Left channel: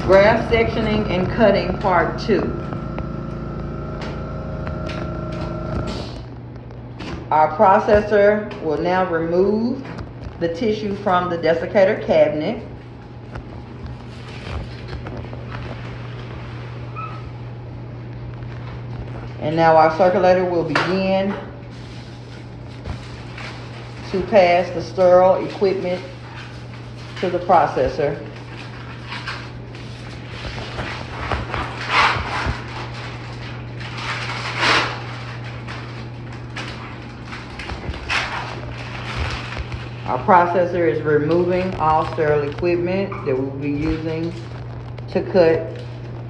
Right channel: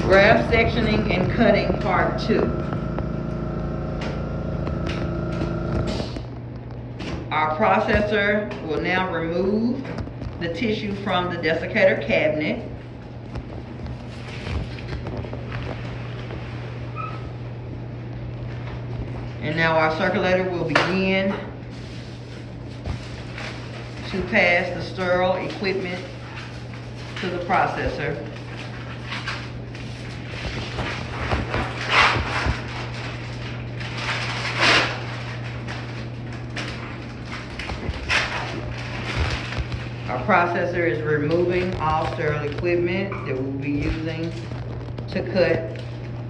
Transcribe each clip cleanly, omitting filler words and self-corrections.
Graft sectioning and cutting part 2. Our processor will now remove the tissue from the desiccator cabinet. And now our circulator will begin to pass the sterile equipment to the processor. Our processor is removing all sterile equipment that we'll be using to cut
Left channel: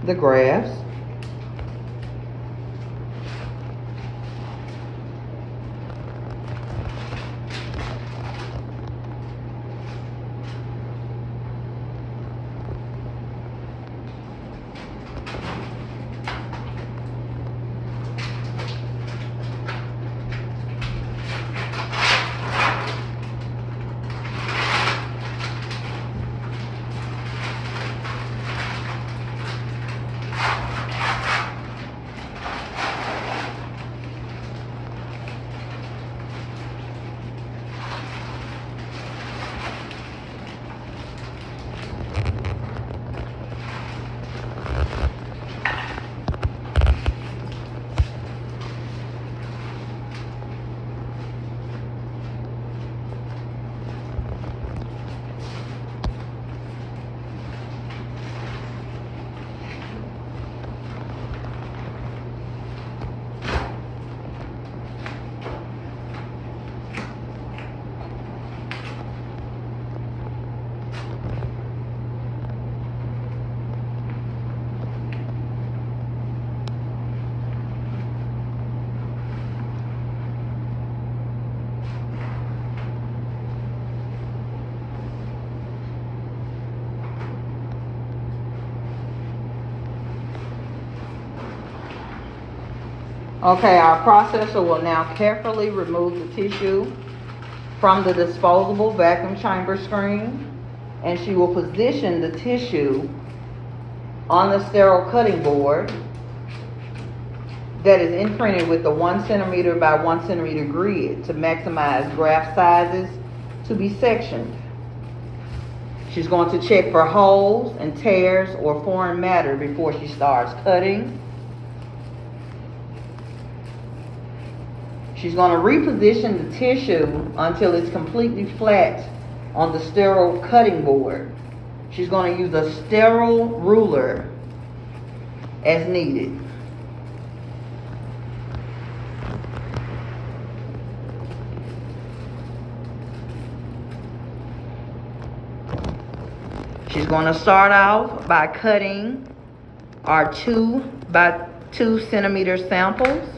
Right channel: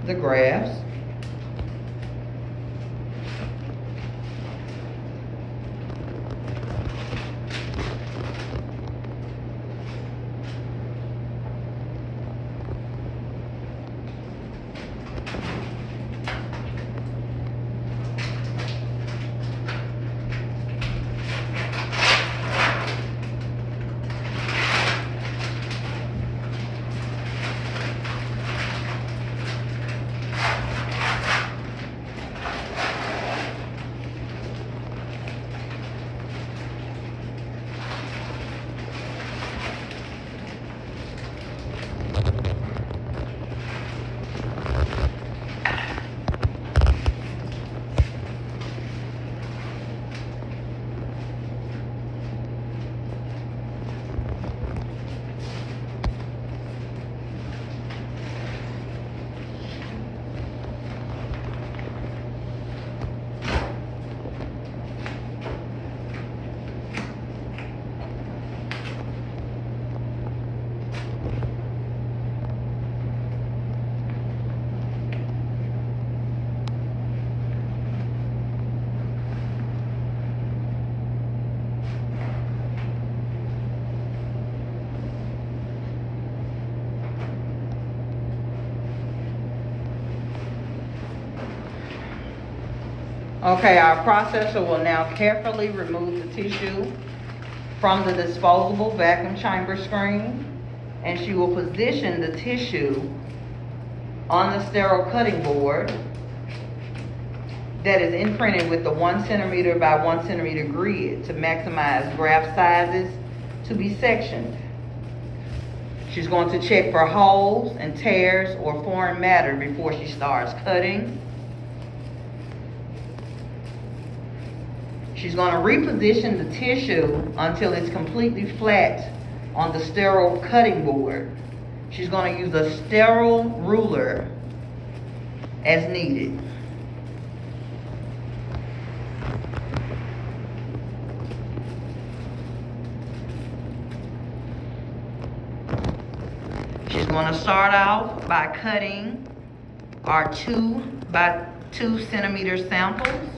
the grafts. Okay, our processor will now carefully remove the tissue from the disposable vacuum chamber screen, and she will position the tissue on the sterile cutting board that is imprinted with the 1 centimeter by 1 centimeter grid to maximize graft sizes to be sectioned. She's going to check for holes and tears or foreign matter before she starts cutting. She's going to reposition the tissue until it's completely flat on the sterile cutting board. She's going to use a sterile ruler as needed. She's going to start off by cutting our 2 by 2 centimeter samples.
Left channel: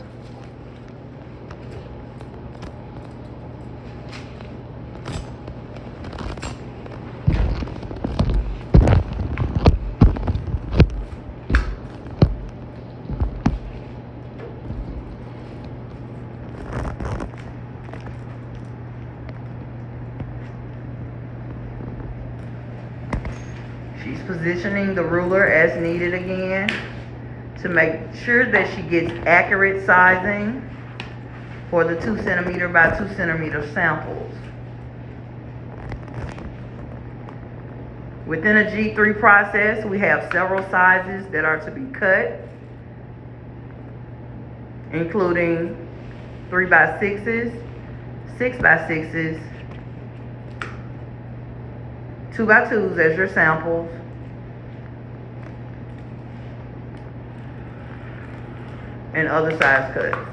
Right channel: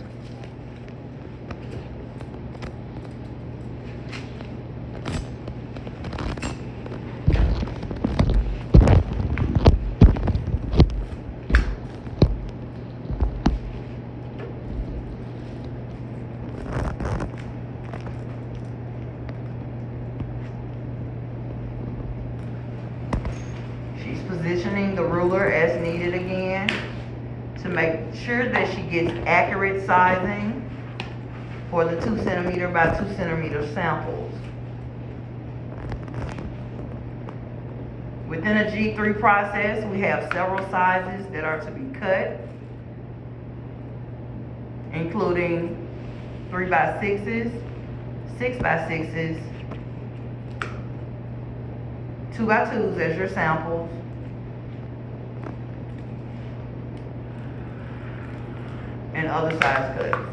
She's positioning the ruler as needed again to make sure that she gets accurate sizing for the 2 centimeter by 2 centimeter samples. Within a G3 process, we have several sizes that are to be cut, including 3 by 6s, 6 by 6s, 2 by 2s as your samples, and other size cuts.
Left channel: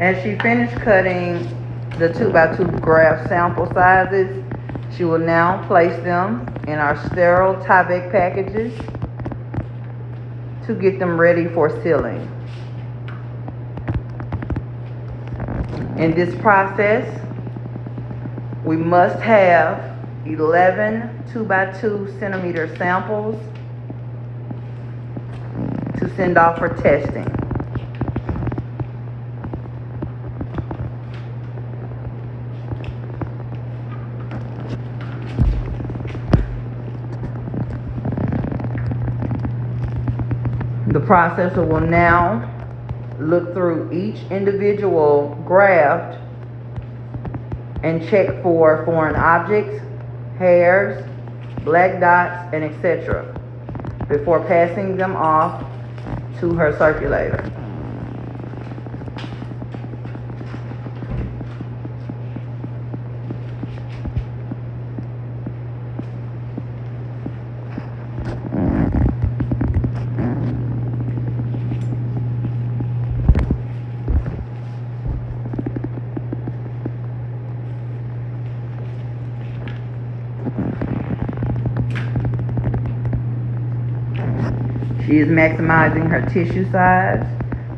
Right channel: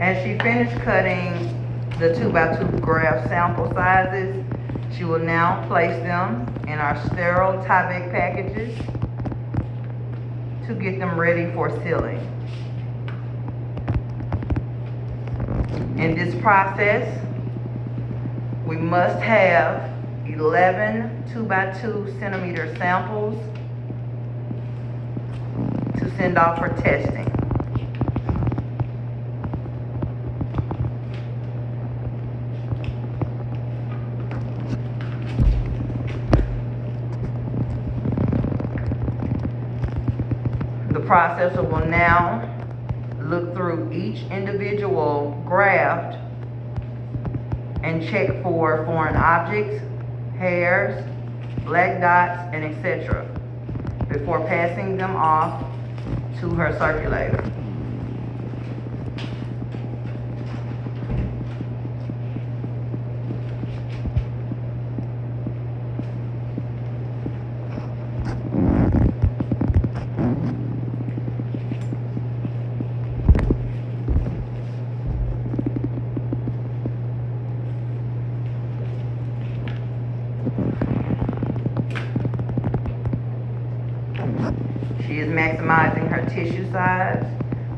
As she finished cutting the 2x2 graph sample sizes, she will now place them in our sterile Tyvek packages to get them ready for sealing. In this process, we must have 11 2x2 centimeter samples to send off for testing. The processor will now look through each individual graft and check for foreign objects, hairs, black dots, and etc. before passing them off to her circulator. She is maximizing her tissue size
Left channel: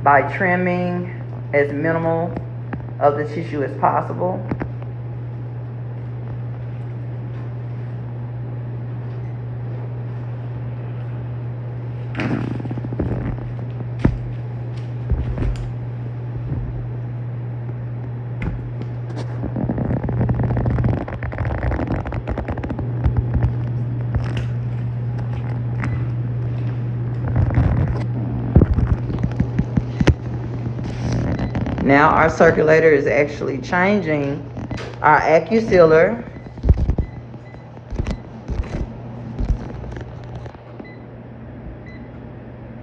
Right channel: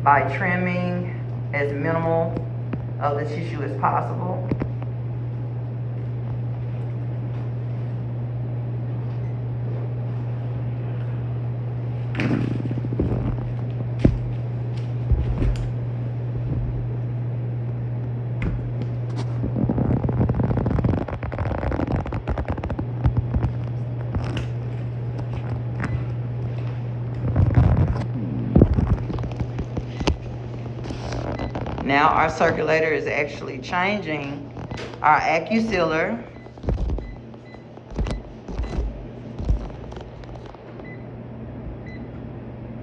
by trimming as minimal of the tissue as possible. Now our circulator is actually changing our AccuSealer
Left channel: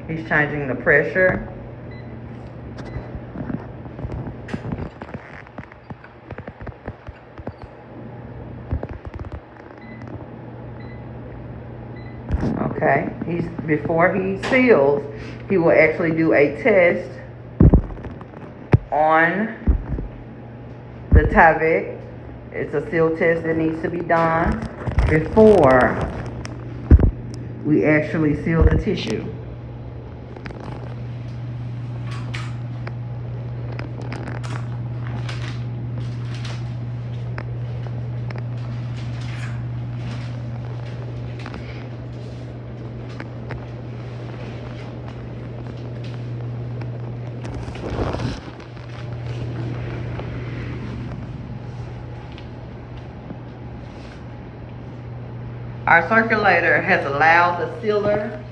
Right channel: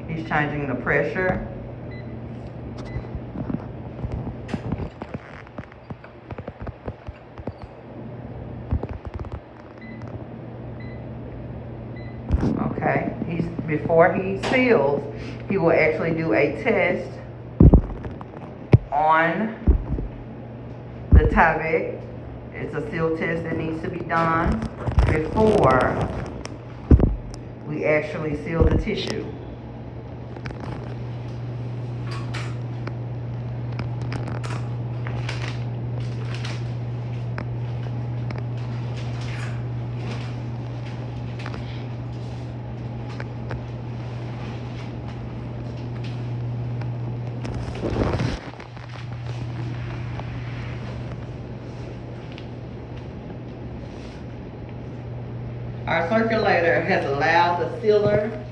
He's changing the pressure. Okay, before he seals, he will actually do a test on the Tyvek. It's a seal test that needs to be done before we actually seal the tissue. Our circulator has allowed the sealer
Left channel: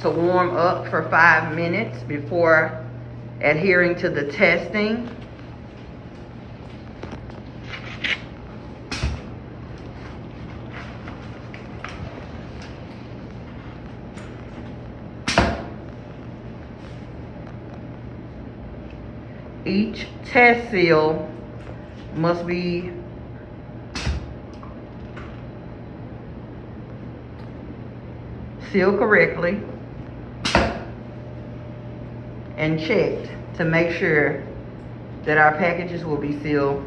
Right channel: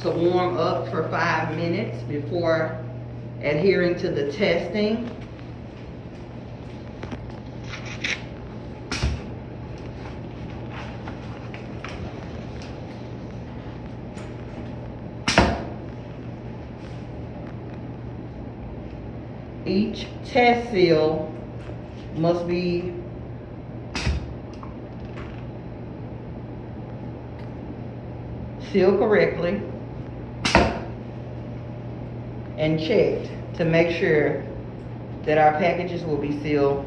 to warm up for 5 minutes before adhering to the testing. Each test seal must be sealed correctly and checked to make sure that our packages will be sealed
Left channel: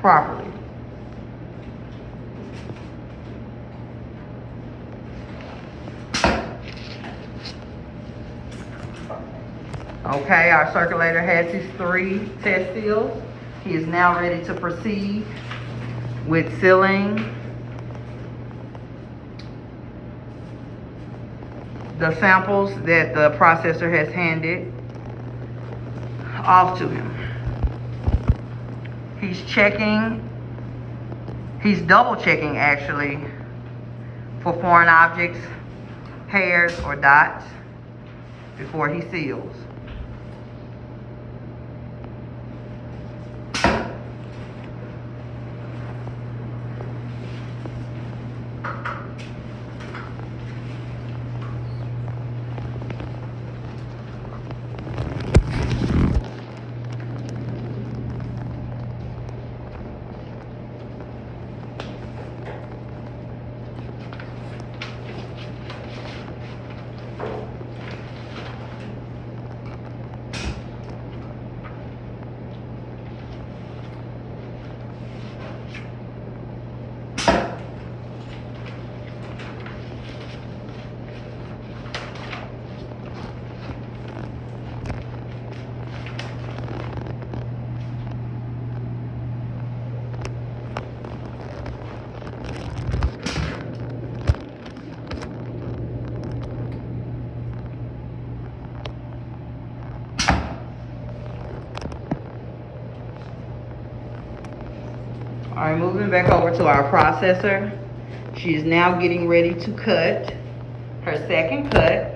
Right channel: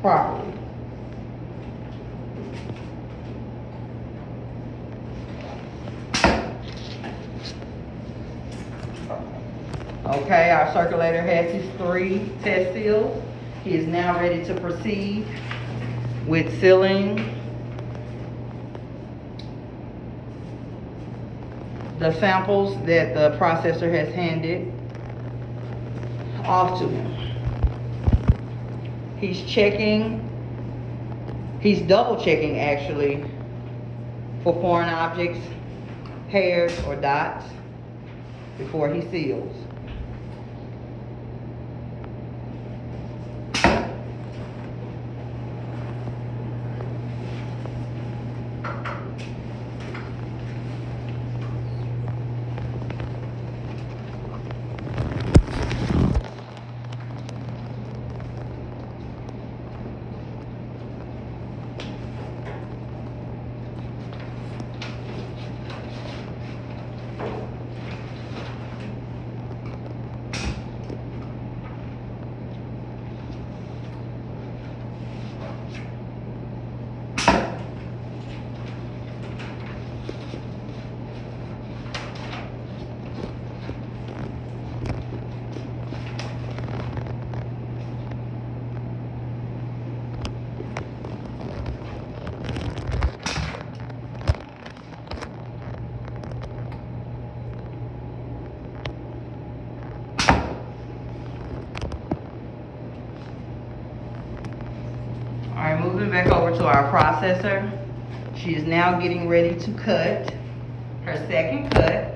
properly. Okay, our circulator has his 3 test seals. He is now ready to proceed with sealing the samples that the processor has handed off to him. He's double checking actually for foreign objects, hairs, or dots before he seals. All right, moving back over to our processor. She is now getting ready to cut her second cut.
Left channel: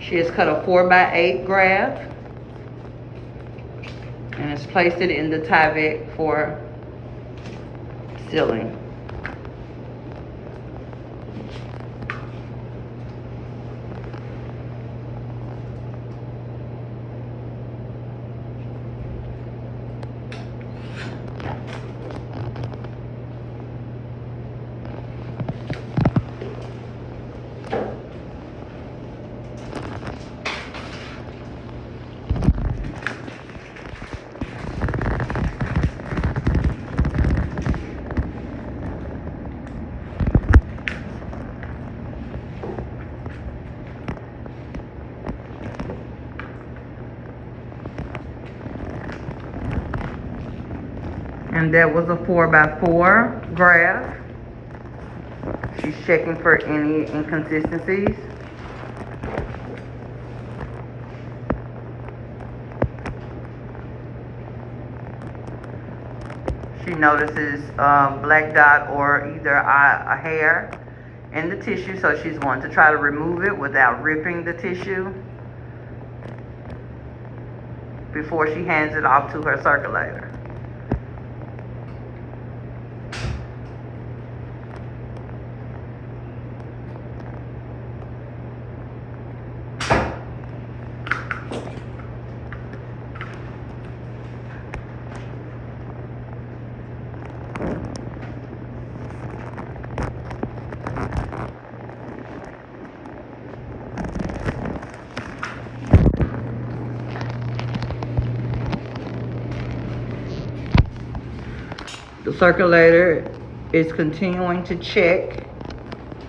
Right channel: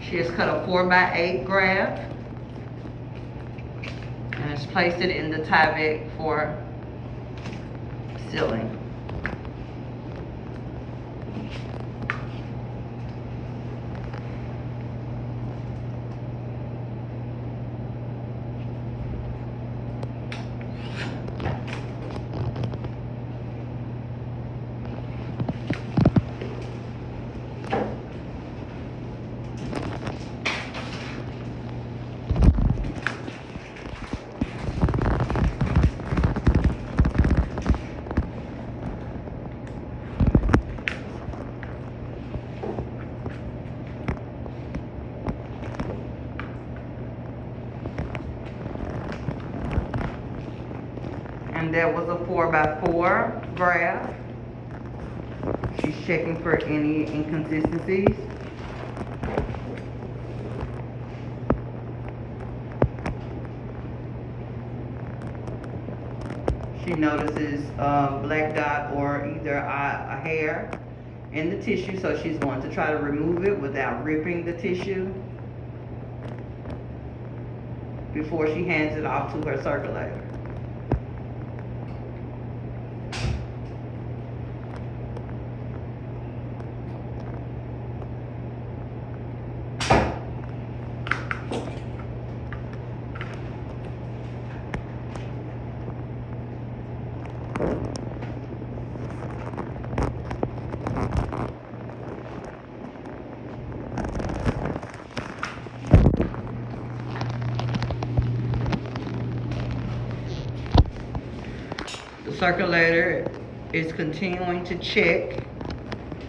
She has cut a 4x8 graph and has placed it in the Tyvek for sealing. And that was a 4x4 graph. She's checking for any inconsistencies. She notices a black dot or either a hair in the tissue, so she's going to try to remove it without ripping the tissue before she hands it off to her circulator. The circulator is continuing to check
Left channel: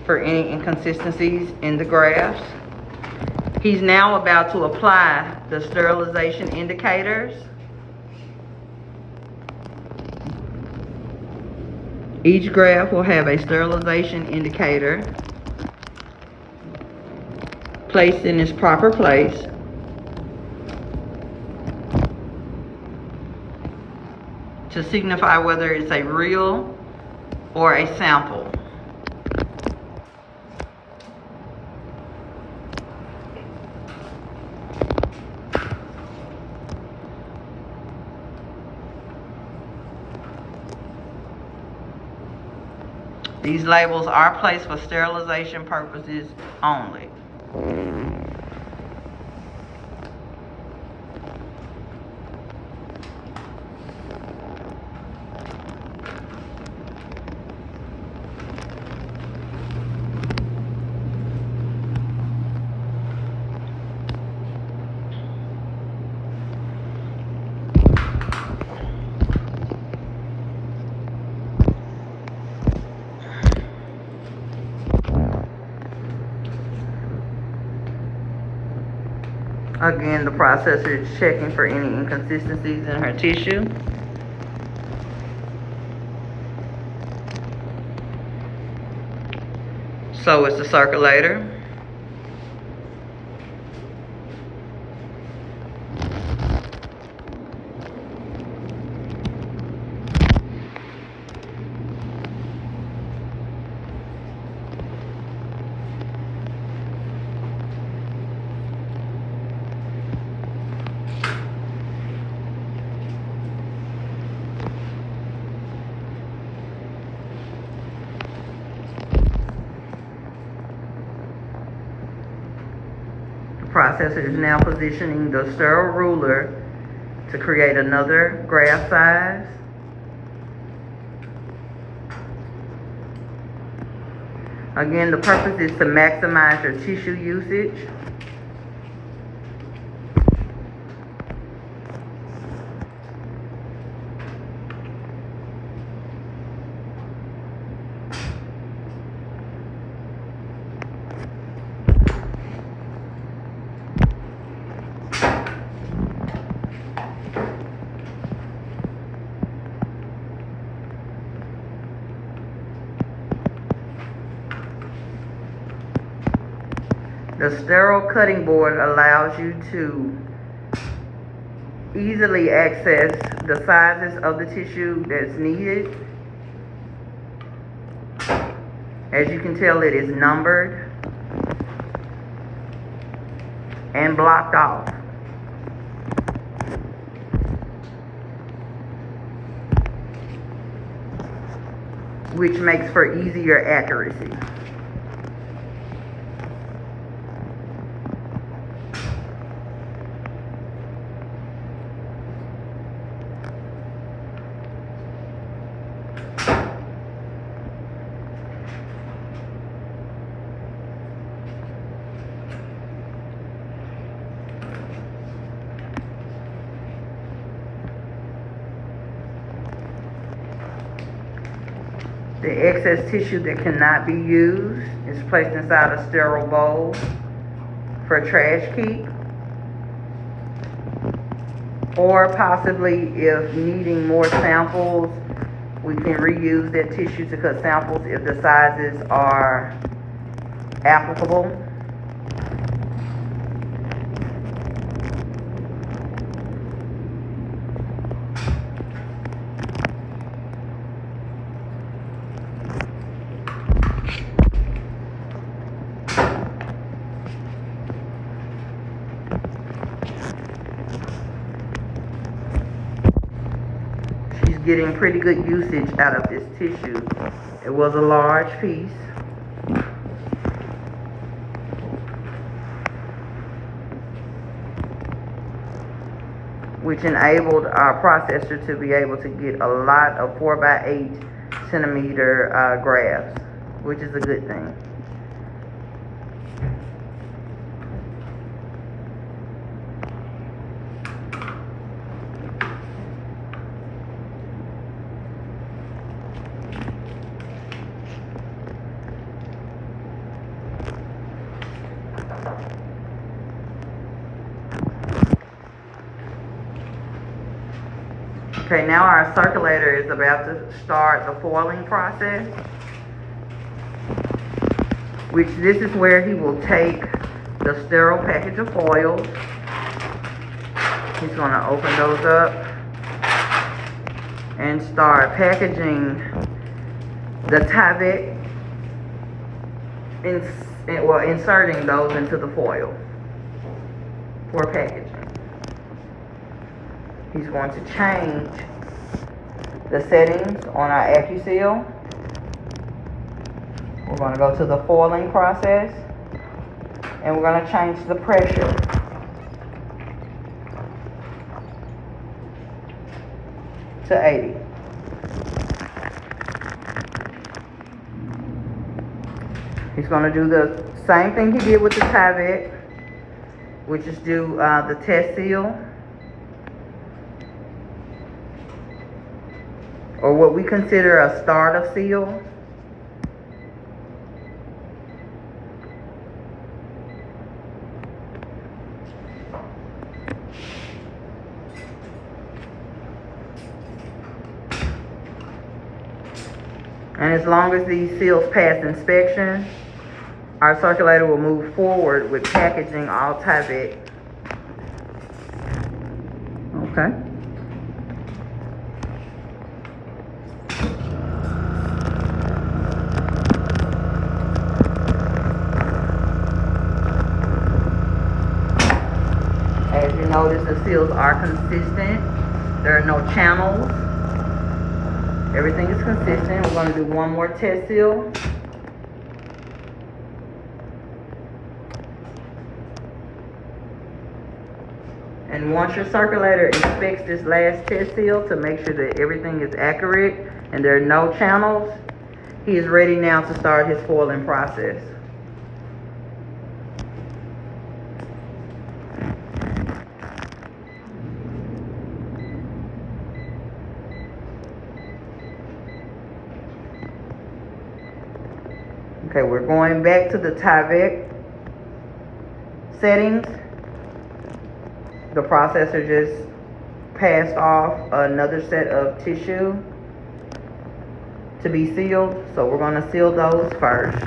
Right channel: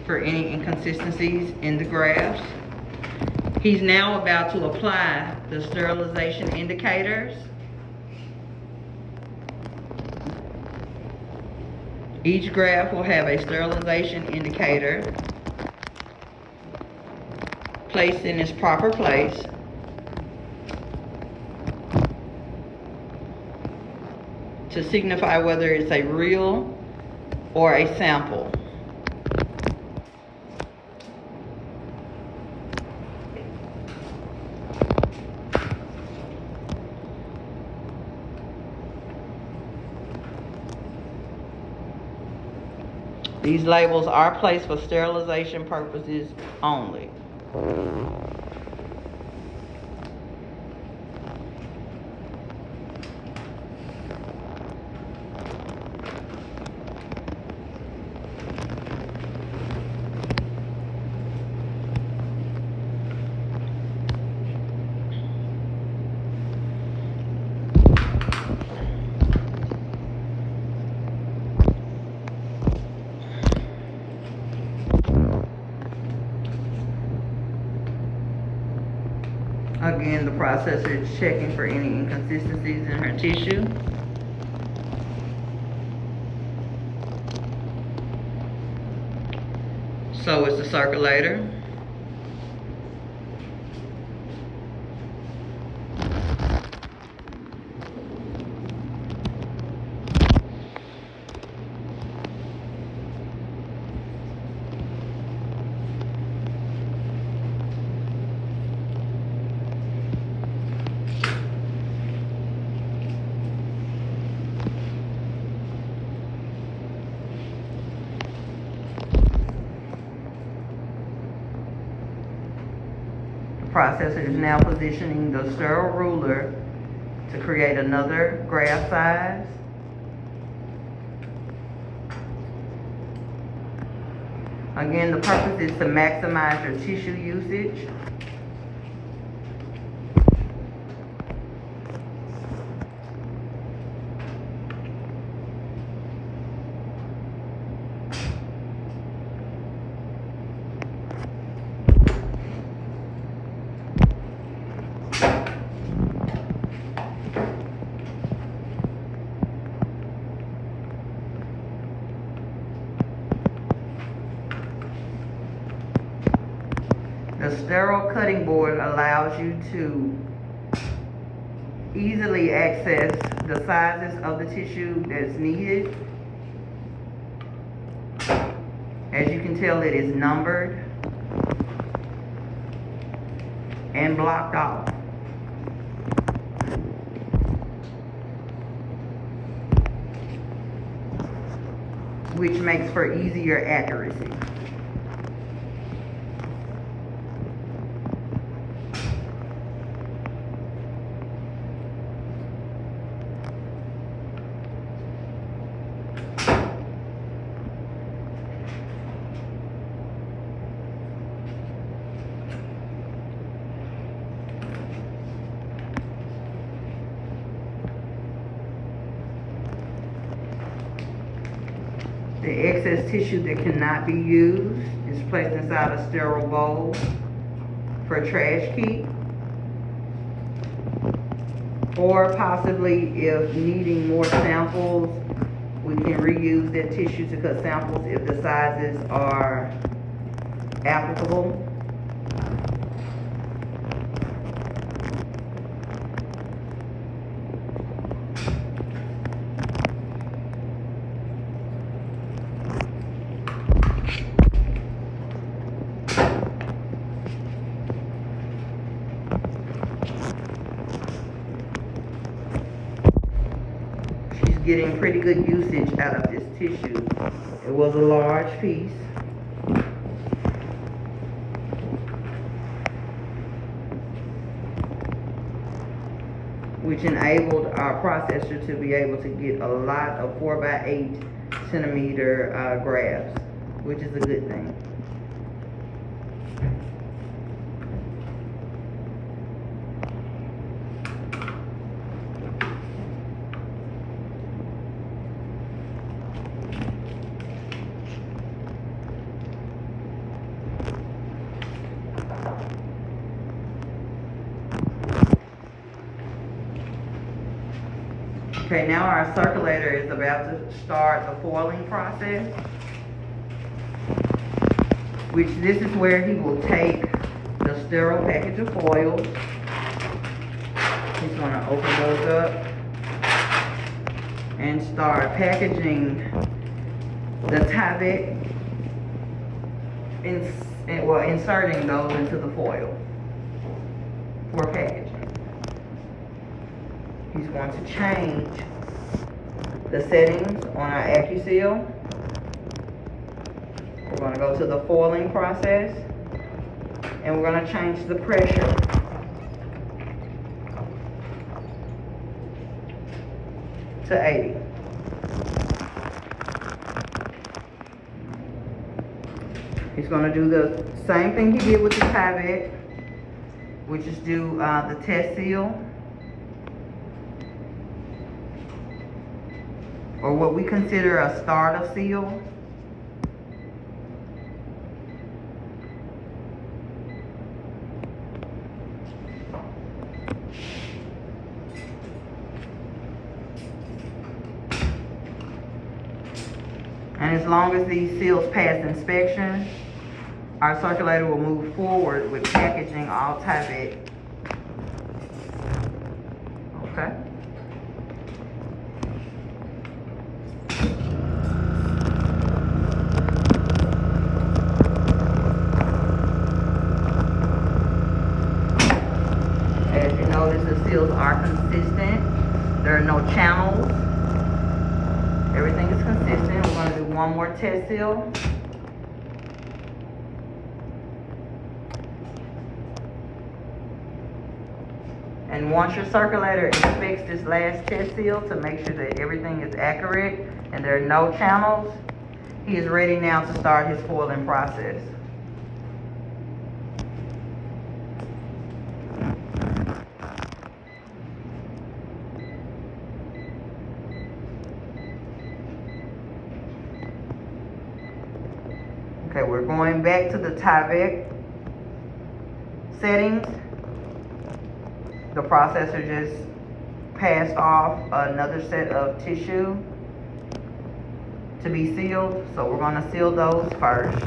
for any inconsistencies in the graphs. He's now about to apply the sterilization indicators. Each graph will have a sterilization indicator placed in its proper place. To signify whether it's a real or a sample. These labels are placed for sterilization purposes only. Again, the processor is checking for any inconsistencies in her tissue. So is the circulator. Processor is now positioning the sterile ruler to create another graph size. Again, the purpose is to maximize your tissue usage. The sterile cutting board allows you to easily access the sizes of the tissue that's needed. As you can tell, it is numbered and blocked off. Which makes for easier accuracy. The excess tissue that cannot be used is placed inside a sterile bowl for trash keep. Or possibly, if needing more samples, we can reuse that tissue to cut samples if the sizes are applicable. Getting pretty good usage out of this tissue. It was a large piece. Which enabled our processor to be able to get a lot of 4x8 centimeter grafts, which is a good thing. Okay, now our circulator is about to start the foiling process, which this is where he will take the sterile package of foils. He's going to open those up and start packaging the Tyvek, inserting those into the foil for packaging. He's going to change the settings on our AccuSeal. We're going to go to the foiling process, and we're going to change the pressure to 80. He's going to do the same thing he did with the Tyvek, which is do the test seal, or what we consider a starter seal. And as long as these seals pass inspection, our circulator will move forward with packaging all Tyvek. Okay. As you notice, the seals are consistent. There are no channels. Everything is consistent. We're going to do one more test seal. And once your circulator inspects this last test seal to make sure that everything is accurate and there are no channels, he is ready now to start his foiling process. Okay, we're going back to the Tyvek settings. The processor just passed off another set of tissue to be sealed, so we're going to seal those first.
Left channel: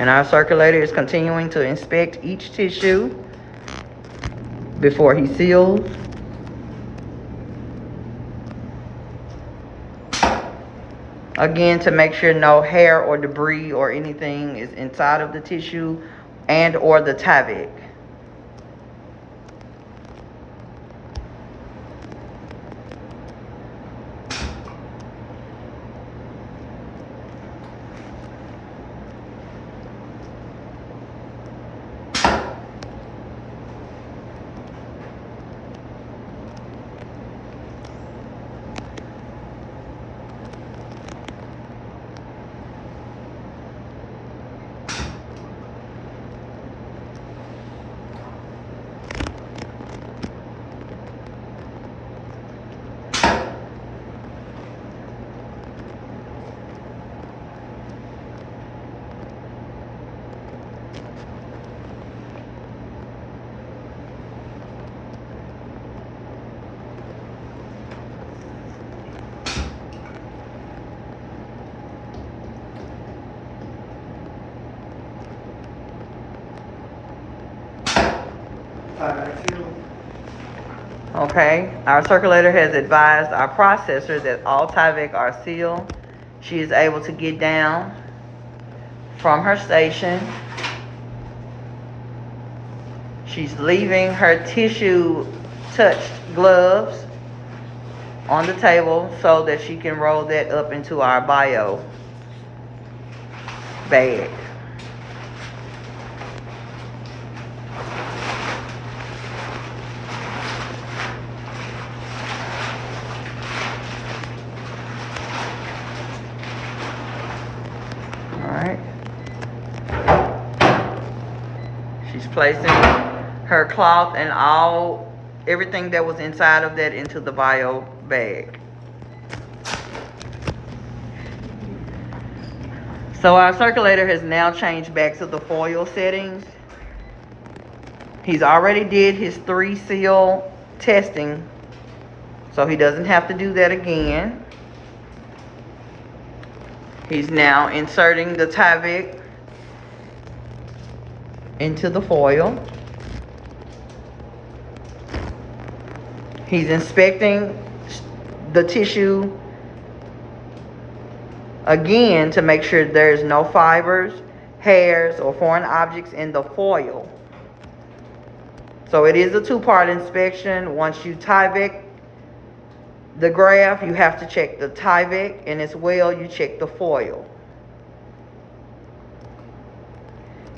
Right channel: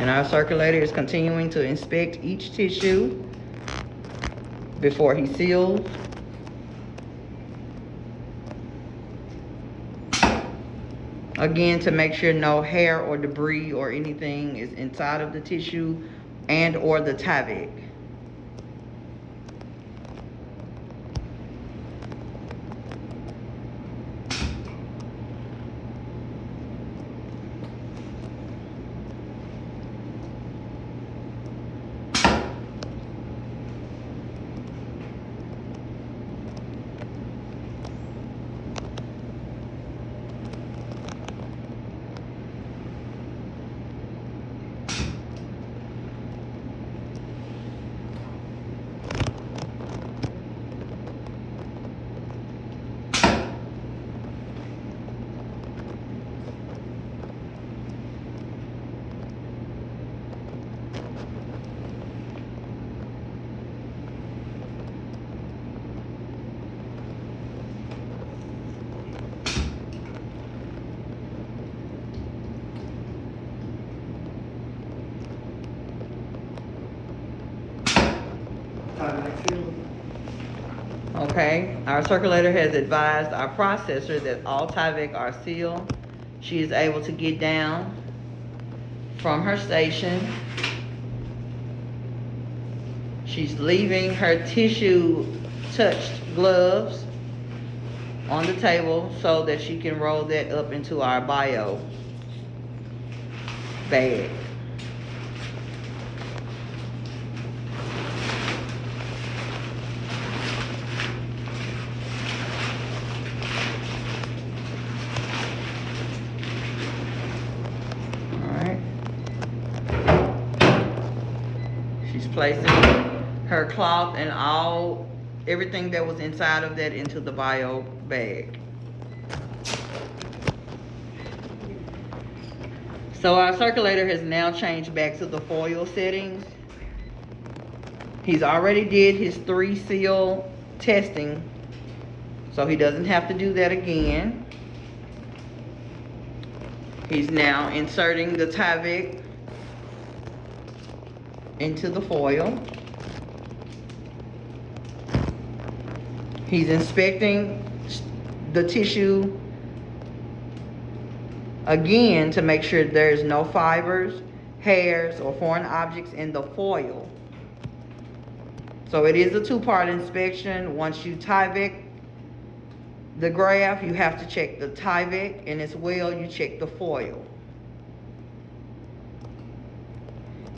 And our circulator is continuing to inspect each tissue before he seals. Again, to make sure no hair or debris or anything is inside of the tissue and or the Tyvek. Okay, our circulator has advised our processor that all Tyvek are sealed. She is able to get down from her station. She's leaving her tissue touched gloves on the table so that she can roll that up into our bio bag. She's placing her cloth and everything that was inside of that into the bio bag. So our circulator has now changed back to the foil settings. He's already did his 3 seal testing, so he doesn't have to do that again. He's now inserting the Tyvek into the foil. He's inspecting the tissue again to make sure there's no fibers, hairs, or foreign objects in the foil. So it is a 2-part inspection. Once you Tyvek the graft, you have to check the Tyvek, and as well you check the foil.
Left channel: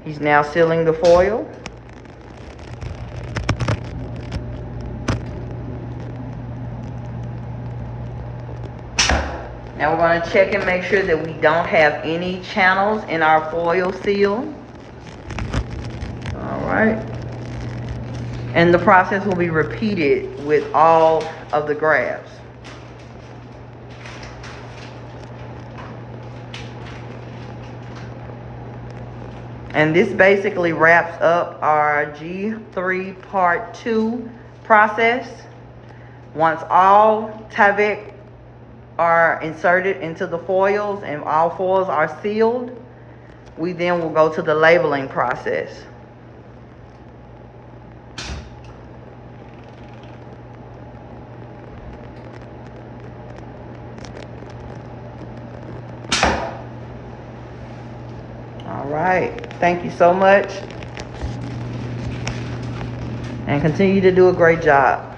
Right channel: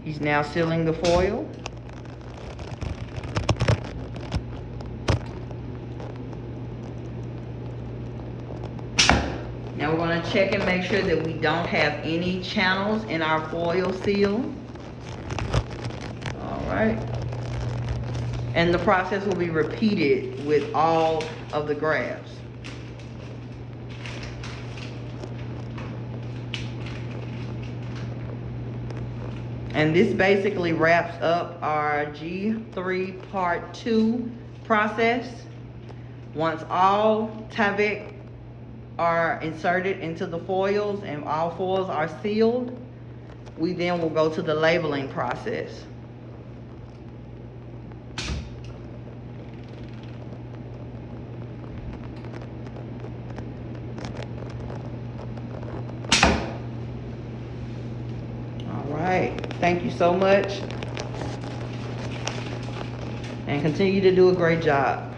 He's now sealing the foil. Now we're going to check and make sure that we don't have any channels in our foil seal. All right. And the process will be repeated with all of the grafts. And this basically wraps up our G3 Part 2 process. Once all Tyvek are inserted into the foils and all foils are sealed, we then will go to the labeling process. All right, thank you so much, and continue to do a great job.